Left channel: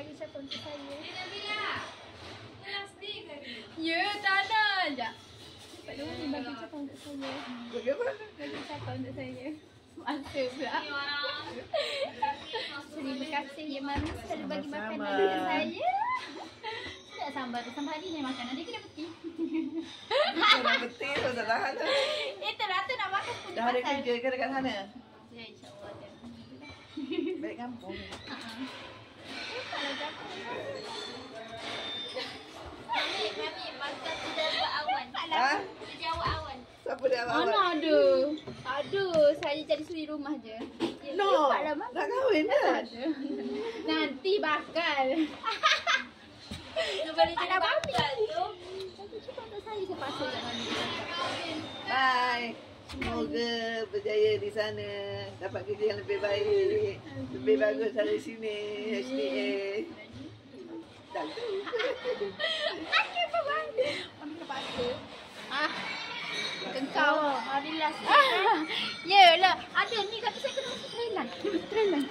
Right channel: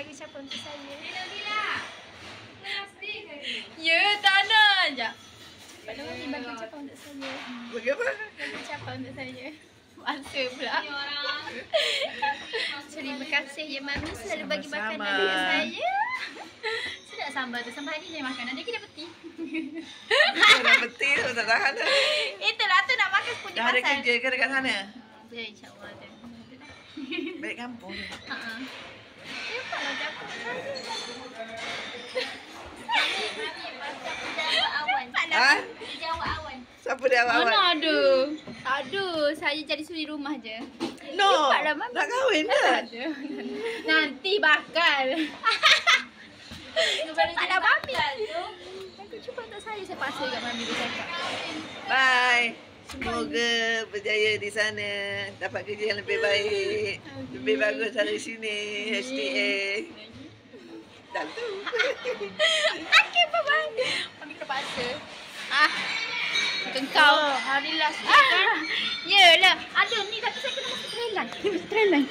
bagi ucapan untuk saya. Nabila. Plastik tadi. Ya, tak nak. Sekejap. Pak Nuri bagi ucapan untuk saya. Bagaimana? Bagi ucapan untuk saya. Masa pula. Ni orang. Terima kasih ya Mami selalu bagi makanan Sama-sama. dengan saya. Sedap sambal tu. Sambal hari saya makan. Ada kita peti. Dah betul, tak tahan dah. Itulah tu nak makan punya Dah ada pasal. kerja ke dekat sana? Ya, insyaAllah ada. Balik kampung. Haa. Kalau dapur Mami pasal pejabat awan. Ha? Pejabat awan. Siapa dia awak? Mana ada? Tak ada. Saya jadi suri rumah je. No, Cepatlah, Mami. nak kahwin dah. Ada. Nanti bakal. Cepatlah Mami. Aku cuba untuk saya paksa kat Mami dia cakap. Bye. Semoga berjaya di sana. Dapat kerja yang lebih baik. Lebih bagus dari sini. HTA. Dah tu. Okey, bye-bye. Mami terpaksa. Kau hari last kan? Yelah. Ada ni tapi saya kena masuk trailer. Trailer.